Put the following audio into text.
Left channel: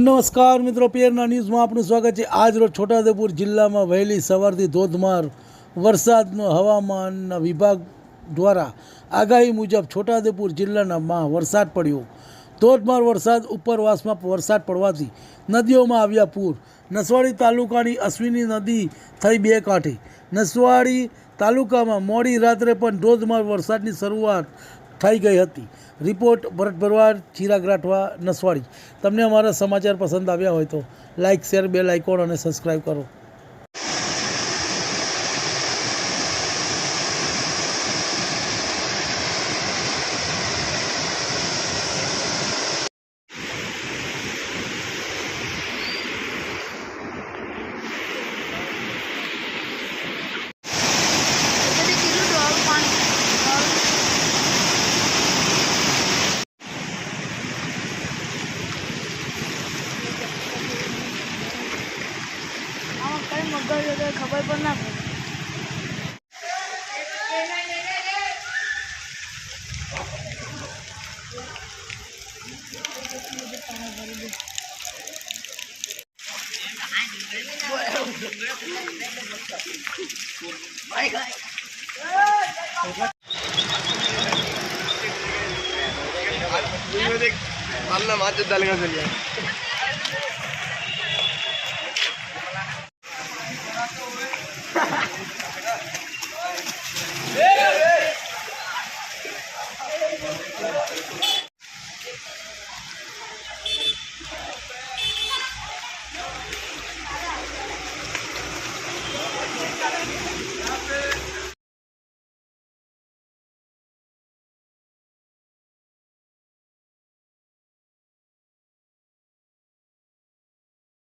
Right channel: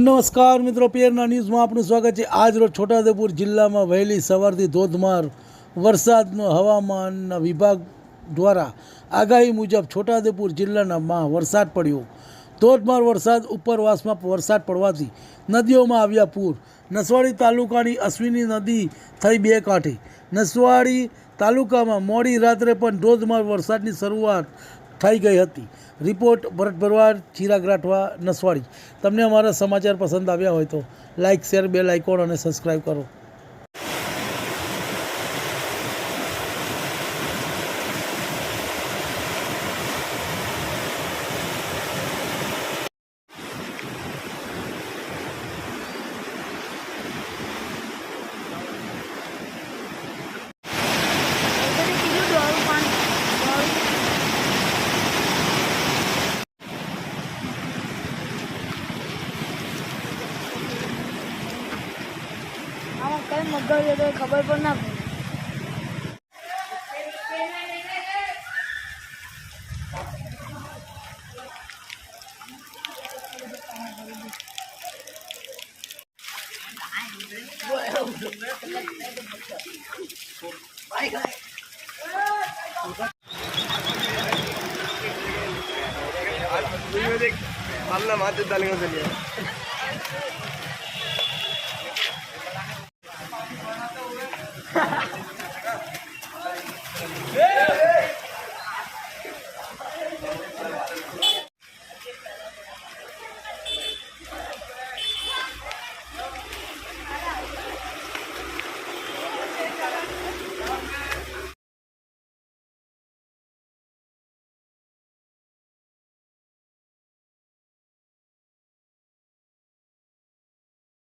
નમસ્કાર મિત્રો, પીએરના ન્યૂઝમાં આપનું સ્વાગત છે। આજ રોજ છોટાઉદેપુર જિલ્લામાં વહેલી સવારથી ધોધમાર વરસાદનો હવામાન વિભાગ દ્વારા આગાહી મુજબ છોટાઉદેપુર જિલ્લામાં વરસાદ પડ્યો। ધોધમાર વરસાદ ઉપરવાસમાં વરસાદ પડવાથી નદીઓમાં આવ્યા પૂર। નસવાડી તાલુકાની અશ્વિની નદી થઈ બે કાંઠે। નસવાડી તાલુકામાં મોડી રાત્રે પણ ધોધમાર વરસાદની શરૂઆત થઈ ગઈ હતી। રિપોર્ટ ભરત ભરવાડ, ચિરાગ રાઠવા, નસવાડી। તમને અમારા સમાચાર પસંદ આવ્યા હોય તો લાઇક, શેર, બેલ આઇકોન અને સબસ્ક્રાઈબ કરો। મગર ખબર પણ ના પડે। पालना माचे डालेंगे